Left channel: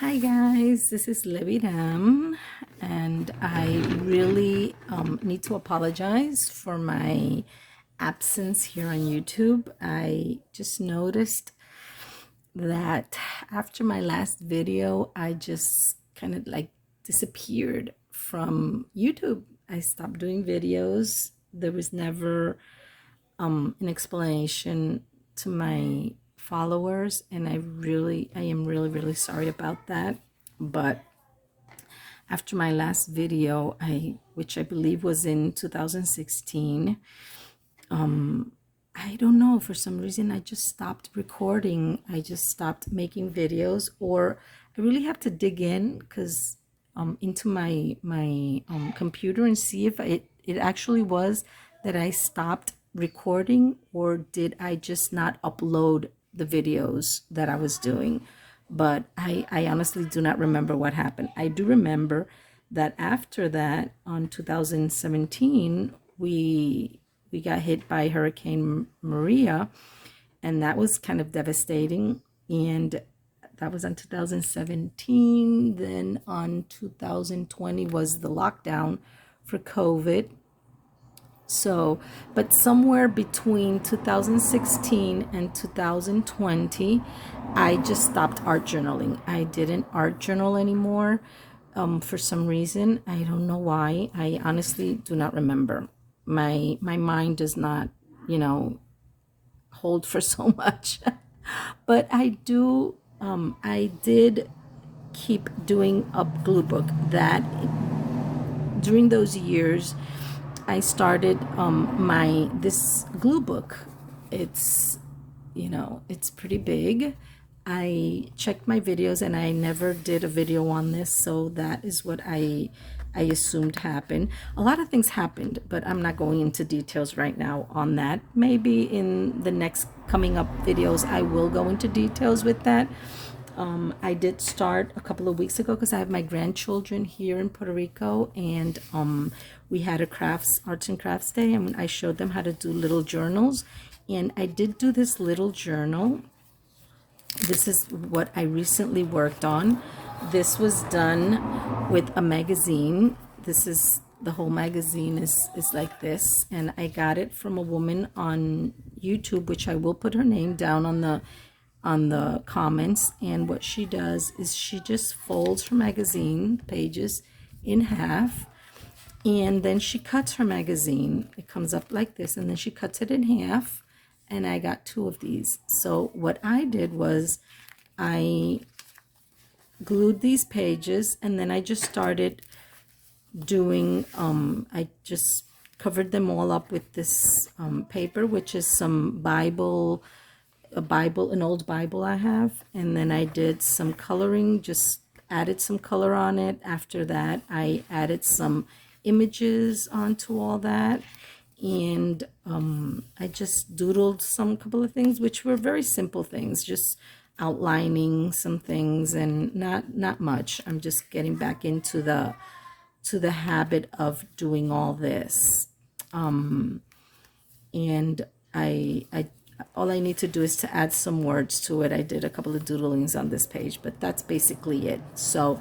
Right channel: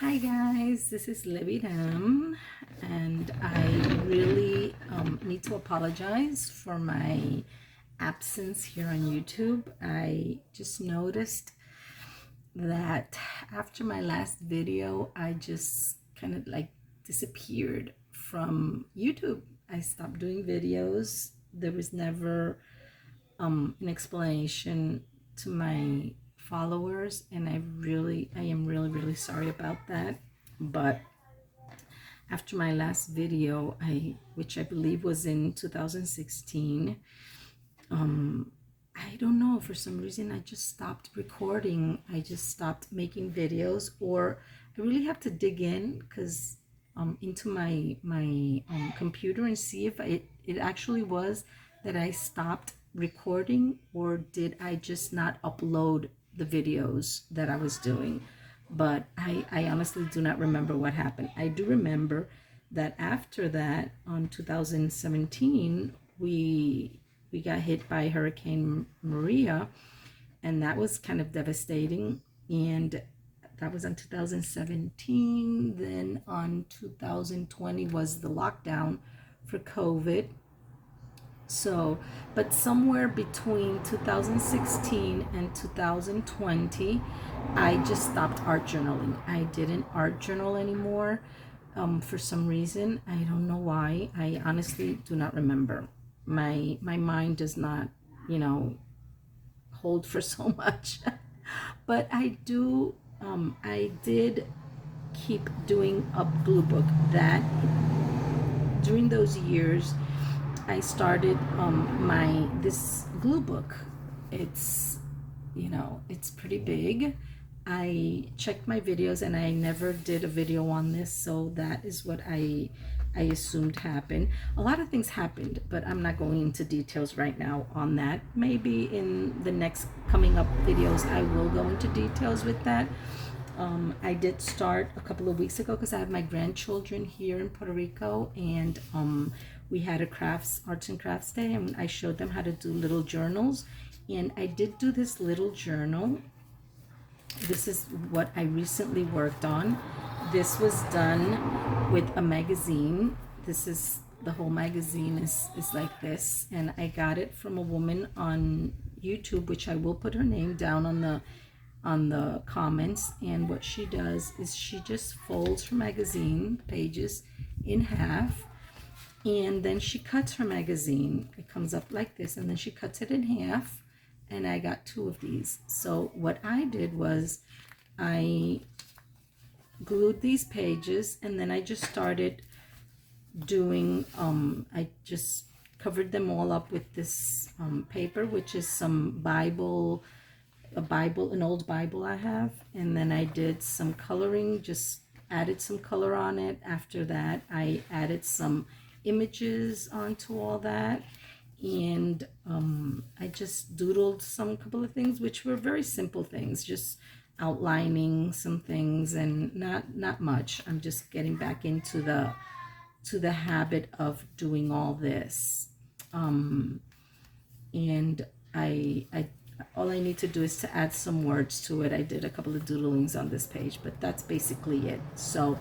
Hi guys, this is Leviram, and I really need to apologize for my absence here on YouTube. I just noticed that after my last video, I just kind of like disappeared from YouTube. I stopped doing videos. There was never an explanation to my followers, and I am really sorry about that. But after my last video, which I believe was in 2016, I don't know, for some reason I just stopped recording. I just stopped making videos, or I really have to dig in because into my computer and see if it actually was that I stopped recording, or did I just not upload the videos that I was doing. But I honestly do not remember what happened. I do remember that after that, on 2017, we got hit by Hurricane Maria, and that was kind of devastating. And that was on 2017. Then on 2020 was the lockdown for COVID. So, but somewhere between 2016 and 2020, I just stopped art journaling. I didn't art journal anymore for some reason. I don't know why. I honestly do not remember. My mind does not, you know, hold for so much. But I did keep doing a glue book. That during those years I started my this glue book. It's, it's pretty big. I checked my videos and I never did a video on this, so that is what I assumed happened. A lot of things happened, but I'm not going into details right now on that. Maybe in the next coming up videos I will go into details with that. I did start a couple of weeks ago because I have my grandchildren here in Puerto Rico, and we had a arts and crafts day, and I showed them how to do little journals. And I did do this little journal. This is what I recently worked on. This was done with a magazine. This is the whole magazine is like this, and I got it from a woman on YouTube, which I will put her name down on the comments. And what she does is she just folds her magazine pages in half, and then she cuts her magazine. It comes up like this, and then she cuts it in half, and I got two of these. So what I did was I glued these pages, and then I just started doing I just covered them all up with this paper, which is some Bible, an old Bible I have. And then I did some coloring, just added some color on it. After that, I added some images onto all that, and I just doodled some couple of things, which were very simple things, just outlining some things, and not much. I'm just getting back into the habit of doing all this. And I all I need to do is to add some words to it. I did a couple of doodlings on this page, but that's basically it. So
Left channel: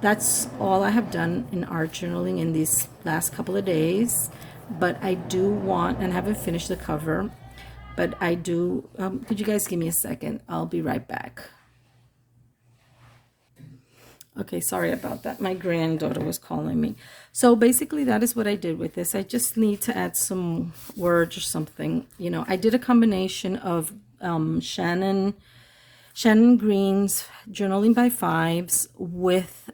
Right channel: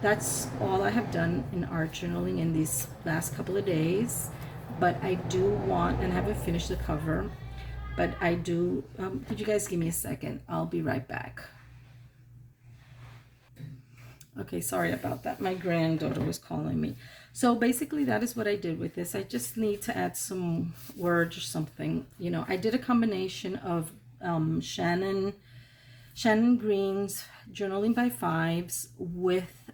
that's all I have done in art journaling in these last couple of days. But I do want, and I haven't finished the cover, but I do, could you guys give me a second? I'll be right back. Okay, sorry about that. My granddaughter was calling me. So basically that is what I did with this. I just need to add some words or something. I did a combination of Shannon Green's Journaling by Fives with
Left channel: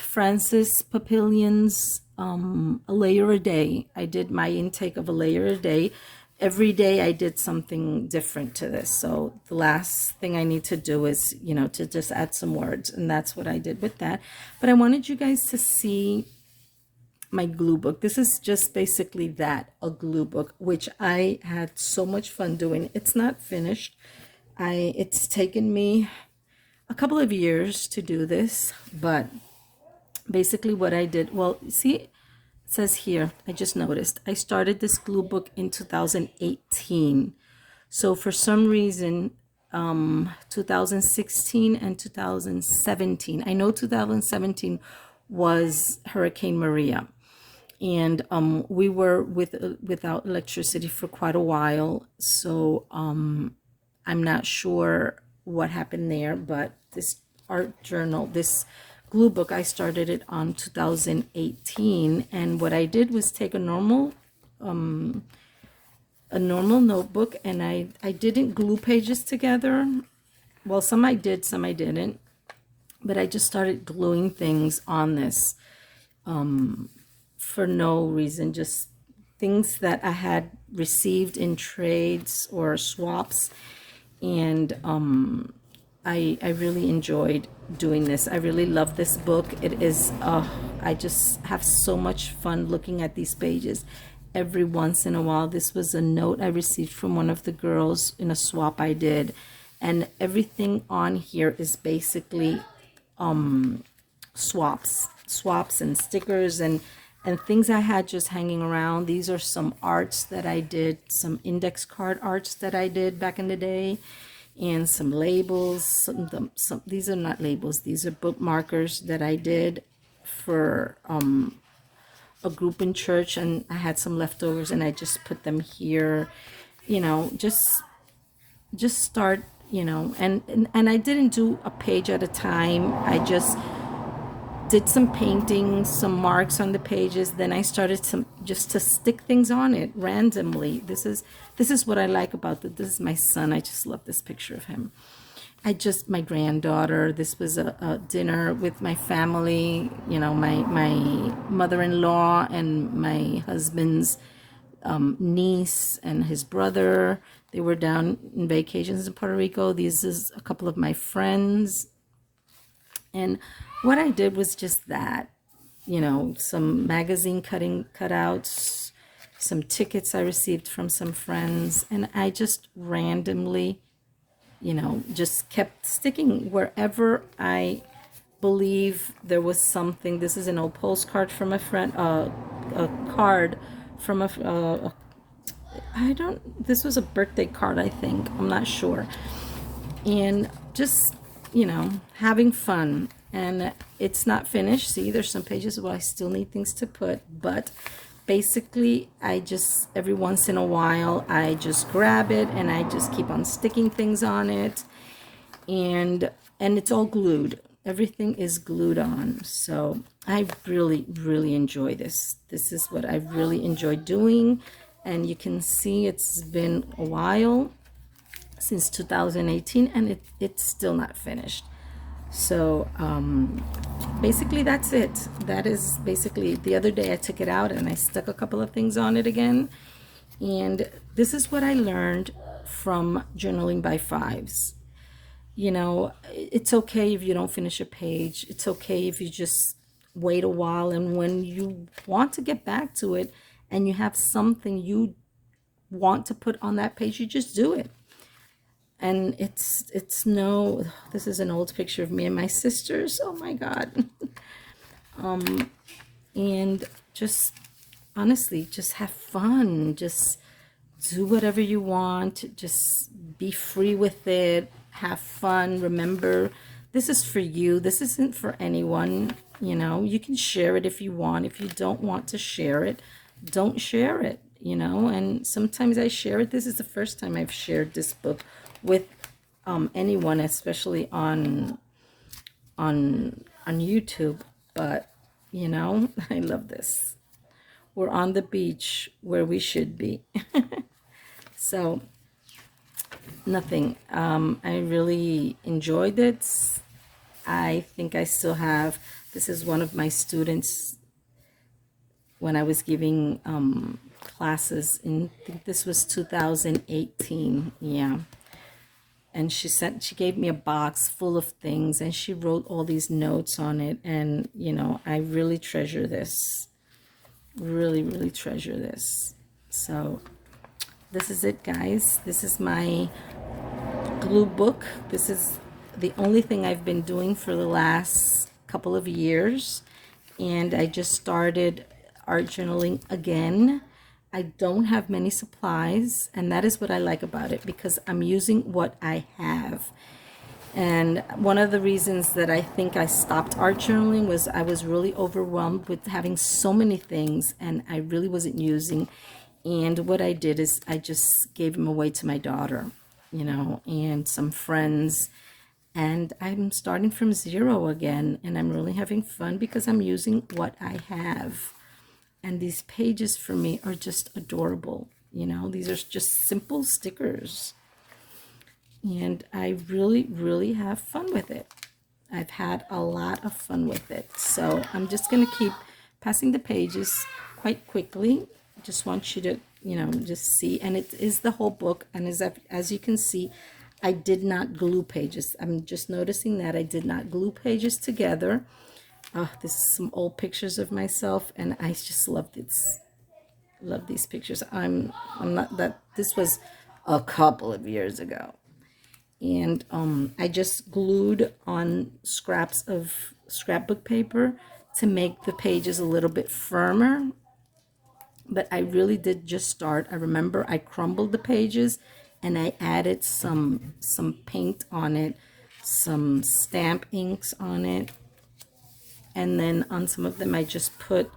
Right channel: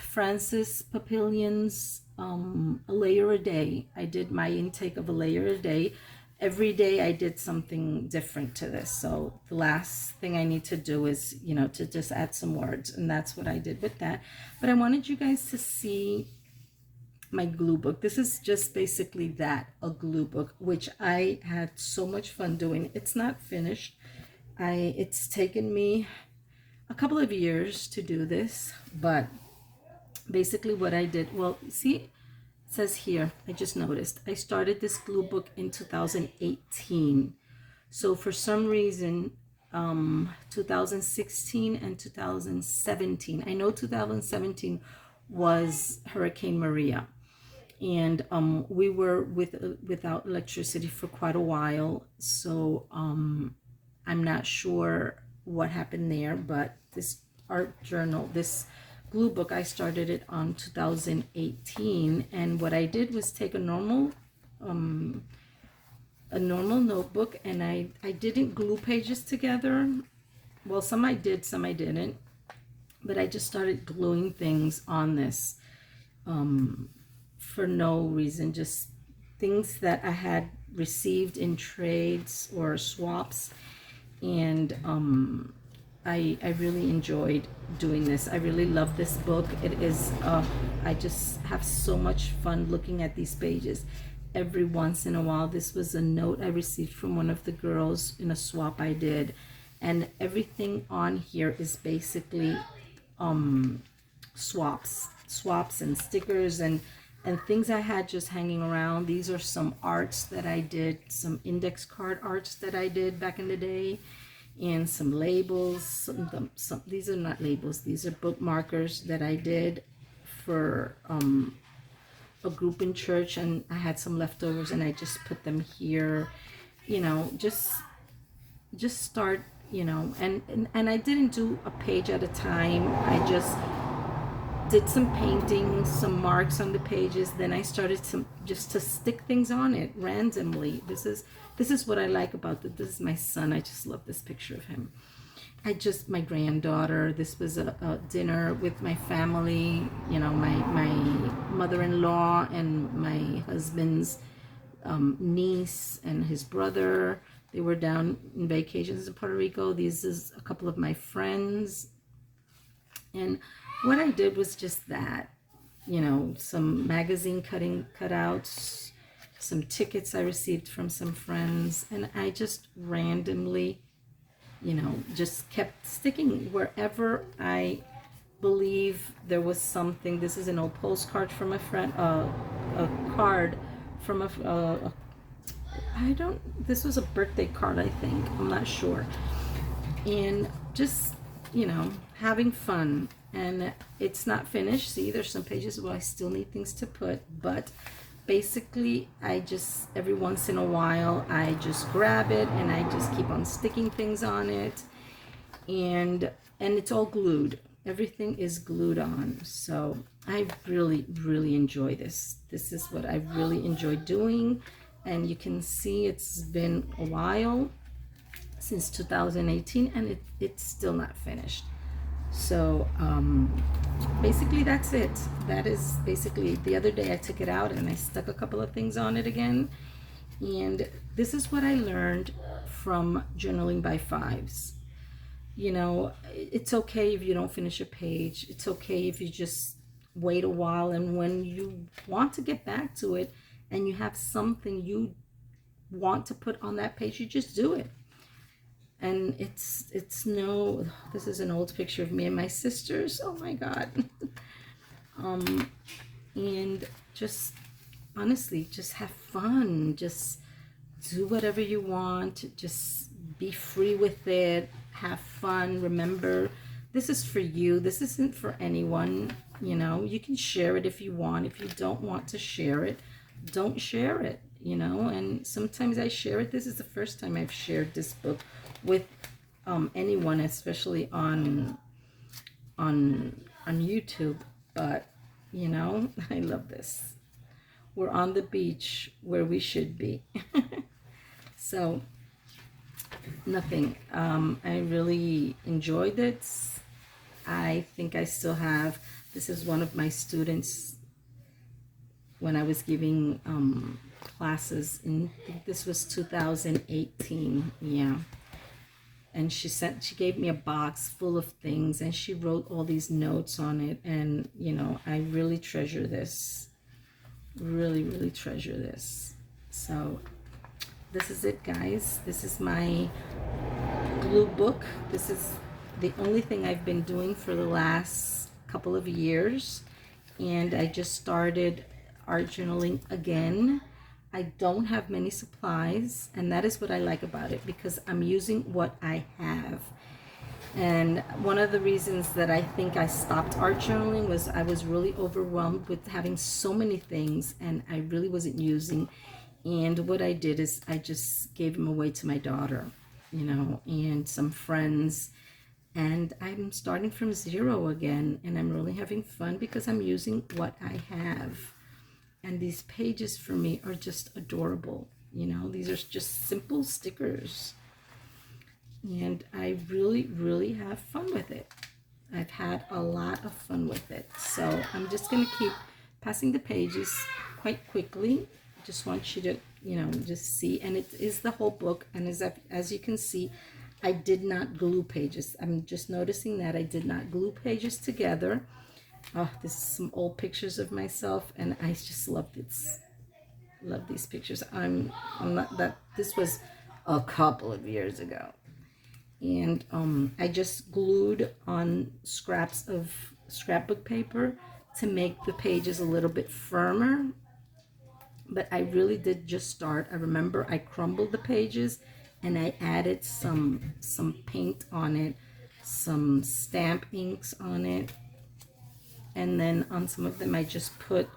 Francis Papillion's A Layer a Day. I did my intake of a layer a day. Every day I did something different to this. So the last thing I need to do is, to just add some words. And that's what I did with that. But I wanted you guys to see my glue book. This is just basically that, a glue book, which I had so much fun doing. It's not finished. It's taken me a couple of years to do this, but basically what I did, well, see, it says here, I just noticed, I started this glue book in 2018. So for some reason, 2016 and 2017. I know 2017 was Hurricane Maria, and we were without electricity for quite a while. So I'm not sure what happened there, but this art journal, this glue book, I started it on 2018, and what I did was take a normal notebook, and I didn't glue pages together. Well, some I did, some I didn't, but I just started gluing things on this for no reason, just things that I had received in trades or swaps. And I really enjoyed doing this. I really love this book. It is, I just have so much fun looking at these pages every once in a while. This was a note I received from one of the girls in a swap I did. And everything on here is basically swaps and stickers and things I had just hanging around. These are some arts that I did, some index card arts that I did back in the day, and some labels. Some these are not labels, these are bookmarkers that I did for a group in church, and I had some leftovers and I just put them here, you know, just start, you know, and I didn't do a page at a time. I just did some painting, some marks on the pages. Then I started just to stick things on it randomly. This is what I like about it. This is my son. I just love this picture of him. My granddaughter. This was a dinner with my family, you know, my mother-in-law and my husband's niece and his brother. They were down in vacations in Puerto Rico. These is a couple of my friends. And what I did was just that, you know, some magazine cutouts, some tickets I received from some friends, and I just randomly, you know, just kept sticking wherever I believe there was something. This is an old postcard from a friend, a card from this was a birthday card, I think. I'm not sure. And just, you know, having fun. And it's not finished. See, there's some pages where I still need things to put, but basically I just, every once in a while, I just grab it and I just keep on sticking things on it, and it's all glued. Everything is glued on. So I really enjoy this. This is what I really enjoy doing, and you can see it's been a while since 2018, and it's still not finished. So basically that's it. That is basically, the other day I took it out and I stuck a couple of things on it again. And this is what I learned from journaling by fives. You know, it's okay if you don't finish a page. It's okay if you just wait a while, and when you want to get back to it and you have something you want to put on that page, you just do it. And it's no, this is an old picture of me and my sisters. Oh my God. And just honestly, just have fun. Just do whatever you want. Just be free with it. Have fun. Remember, this is for you. This isn't for anyone. You know, you can share it if you want. If you don't want to share it, don't share it, you know. And sometimes I share it. This is the first time I've shared this book with anyone, especially on YouTube. But you know, I love this. We're on the beach where we should be. So nothing. I really enjoyed it. I think I still have, this is one of my students when I was giving classes in, I think this was 2018. Yeah. And she gave me a box full of things, and she wrote all these notes on it. And, you know, I really treasure this. Really treasure this. So this is it, guys. This is my glue book. This is the only thing I've been doing for the last couple of years. And I just started art journaling again. I don't have many supplies, and that is what I like about it, because I'm using what I have. And one of the reasons that I think I stopped art journaling was I was really overwhelmed with having so many things, and I really wasn't using. And what I did is I just gave them away to my daughter, you know, and some friends. And I'm starting from zero again, and I'm really having fun because I'm using what I have. And these pages for me are just adorable. You know, these are just simple stickers. And I really, really have fun with it. I've had a lot of fun with it. So I'm just going to keep passing the pages quite quickly. Just want you to, you know, just see. And it is the whole book. And as you can see, I did not glue pages. I'm just noticing that I did not glue pages together. Oh, this is some old pictures of myself, and I just love this. Love these pictures. I'm not that. This was a couple of years ago, and I just glued on scraps of scrapbook paper to make the pages a little bit firmer. But I really did just start. I remember I crumbled the pages, and I added some paint on it, some stamp inks on it. And then on some of them I just put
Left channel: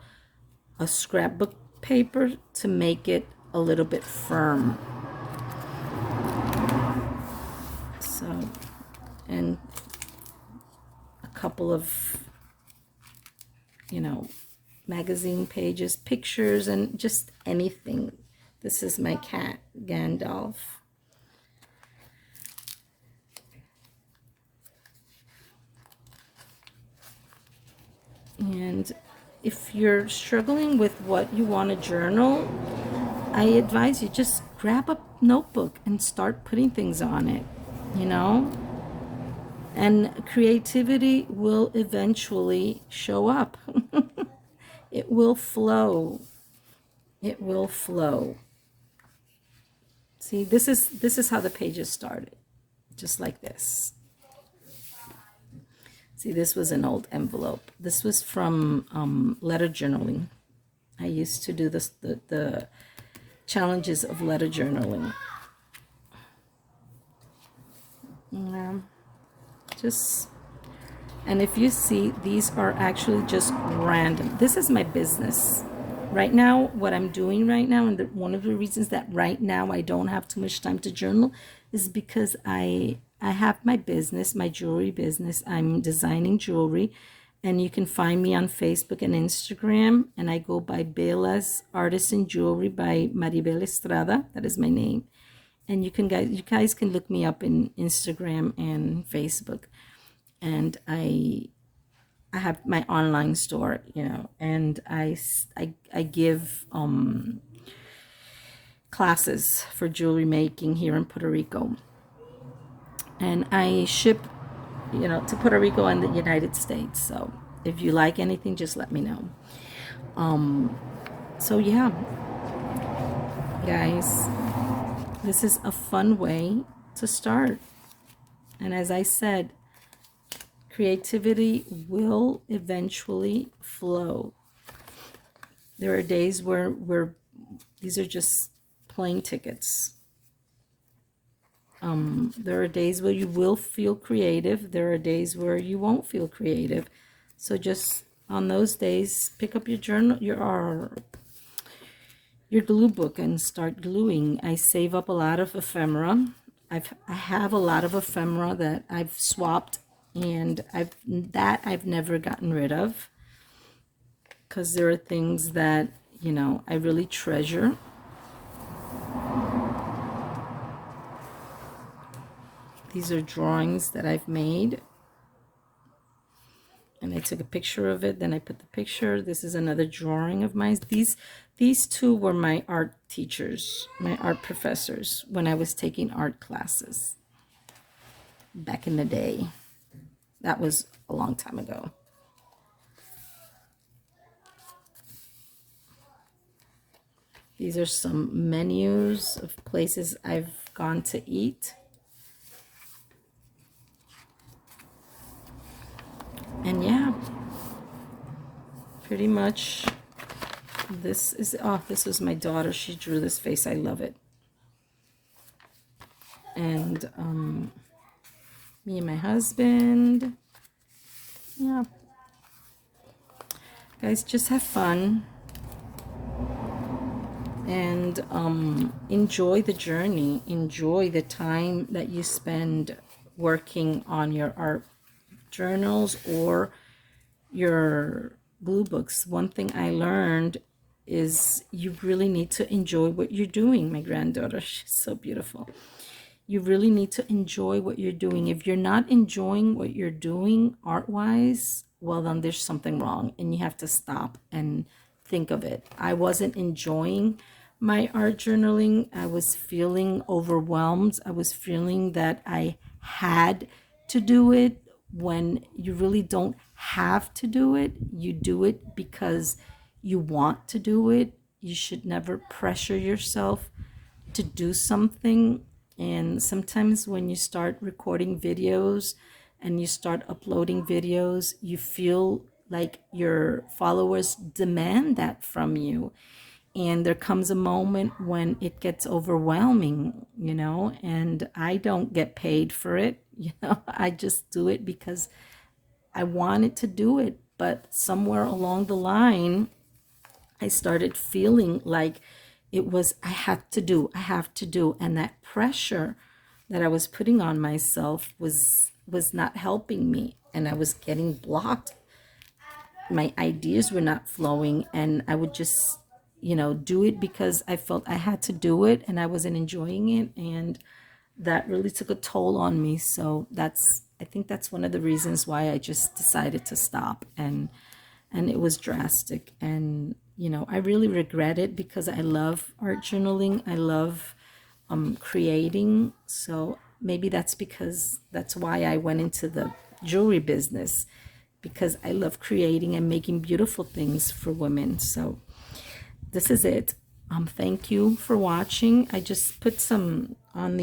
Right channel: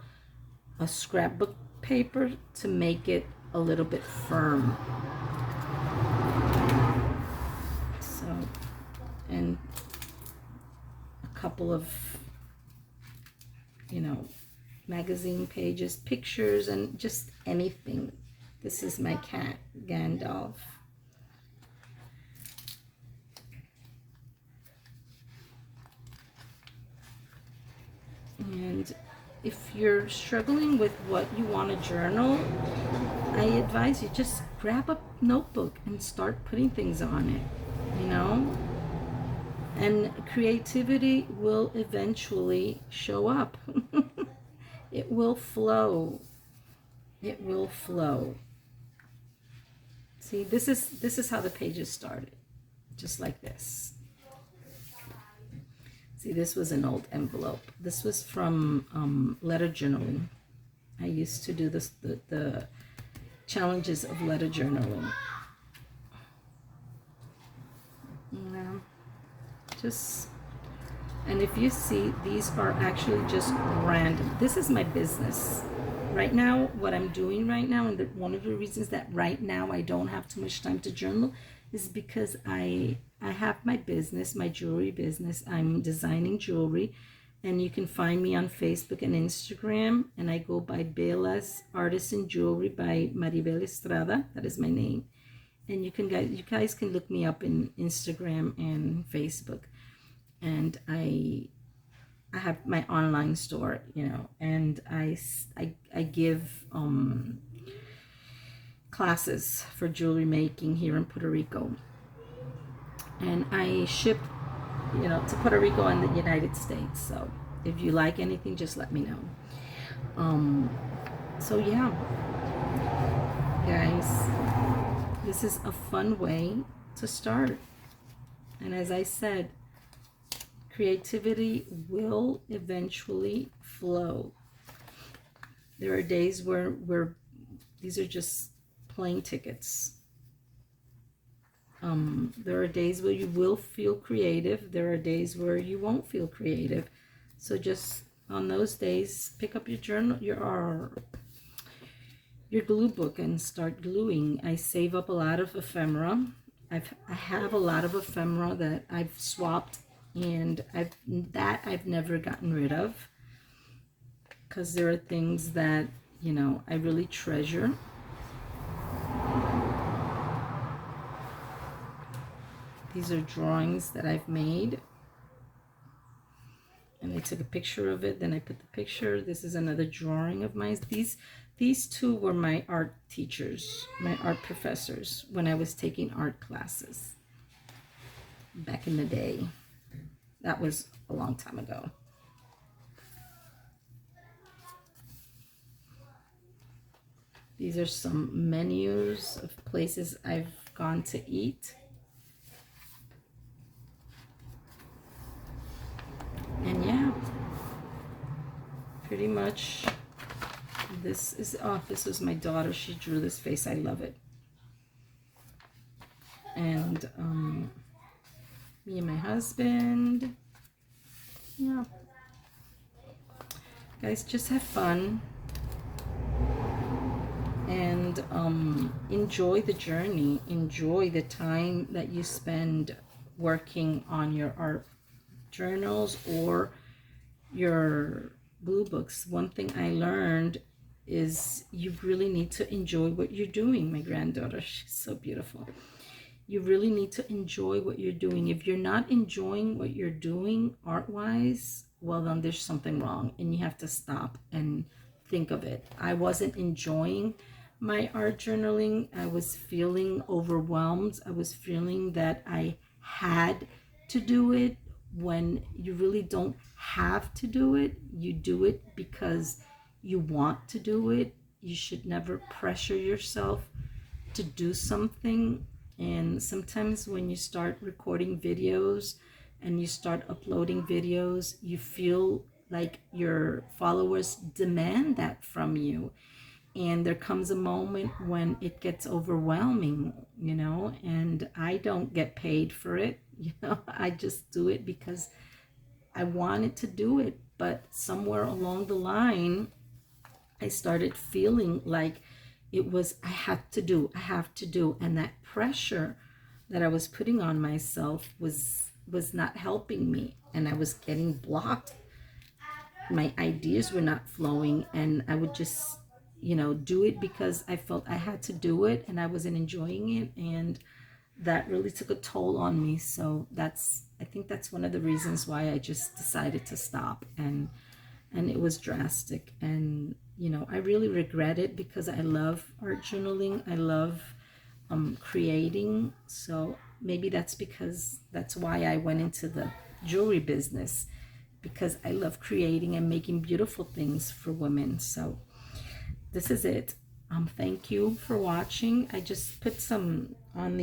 a scrapbook paper to make it a little bit firm. So, and a couple of, you know, magazine pages, pictures, and just anything. This is my cat, Gandalf. And if you're struggling with what you want to journal, I advise you just grab a notebook and start putting things on it, you know? And creativity will eventually show up. It will flow. It will flow. See, this is how the pages started. Just like this. See, this was an old envelope. This was from letter journaling. I used to do this, the challenges of letter journaling. Just, and if you see, these are actually just random. This is my business. Right now, what I'm doing right now, and one of the reasons that right now I don't have too much time to journal is because I have my business, my jewelry business. I'm designing jewelry, and you can find me on Facebook and Instagram, and I go by Bela's Artisan Jewelry by Maribel Estrada. That is my name. And you guys can look me up in Instagram and Facebook. And I have my online store, you know, and I give classes for jewelry making here in Puerto Rico. And I ship, you know, to Puerto Rico and the United States. So if you like anything, just let me know. So yeah, guys, this is a fun way to start. And as I said, creativity will eventually flow. There are days where these are just plane tickets. There are days where you will feel creative. There are days where you won't feel creative. So just on those days, pick up your journal, your glue book, and start gluing. I save up a lot of ephemera. I have a lot of ephemera that I've swapped, and I've never gotten rid of, because there are things that, you know, I really treasure. These are drawings that I've made, and I took a picture of it, then I put the picture. This is another drawing of mine. These two were my art teachers, my art professors, when I was taking art classes back in the day. That was a long time ago. These are some menus of places I've gone to eat. And yeah, pretty much this was my daughter. She drew this face. I love it. And me and my husband. Yeah. Guys, just have fun. And enjoy the journey. Enjoy the time that you spend working on your art journals or your blue books. One thing I learned is you really need to enjoy what you're doing. My granddaughter, she's so beautiful. You really need to enjoy what you're doing. If you're not enjoying what you're doing art-wise, well, then there's something wrong and you have to stop and think of it. I wasn't enjoying my art journaling. I was feeling overwhelmed. I was feeling that I had to do it when you really don't have to do it. You do it because you want to do it. You should never pressure yourself to do something. And sometimes when you start recording videos and you start uploading videos, you feel like your followers demand that from you. And there comes a moment when it gets overwhelming, you know, and I don't get paid for it. You know, I just do it because I wanted to do it. But somewhere along the line, I started feeling like it was, I have to do. And that pressure that I was putting on myself was not helping me. And I was getting blocked. My ideas were not flowing. And I would just, you know, do it because I felt I had to do it and I wasn't enjoying it. And that really took a toll on me. So I think that's one of the reasons why I just decided to stop. And it was drastic. And you know, I really regret it because I love art journaling. I love creating. So maybe that's why I went into the jewelry business, because I love creating and making beautiful things for women. So this is it. Thank you for watching. I just put some on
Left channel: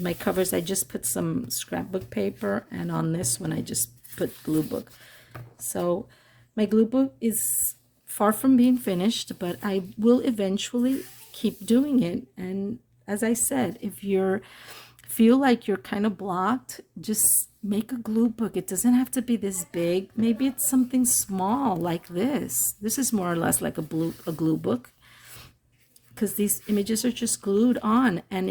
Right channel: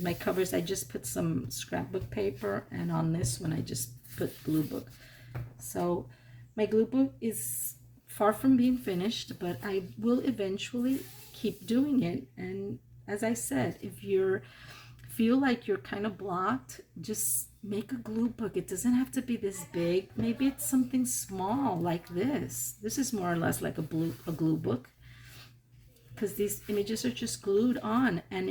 my covers. I just put some scrapbook paper, and on this one I just put glue book. So my glue book is far from being finished, but I will eventually keep doing it. And as I said, if you feel like you're kind of blocked, just make a glue book. It doesn't have to be this big. Maybe it's something small like this. This is more or less like a glue book, because these images are just glued on, and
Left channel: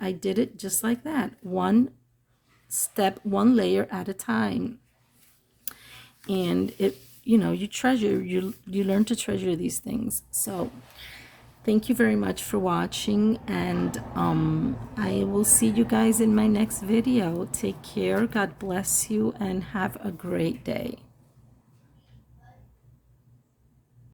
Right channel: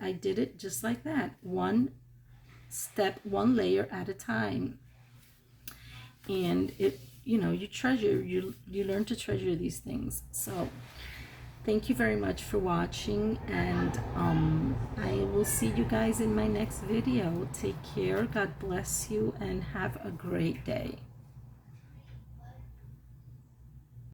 I did it just like that, one step, one layer at a time. And it, you know, you learn to treasure these things. So thank you very much for watching, and I will see you guys in my next video. Take care, God bless you, and have a great day.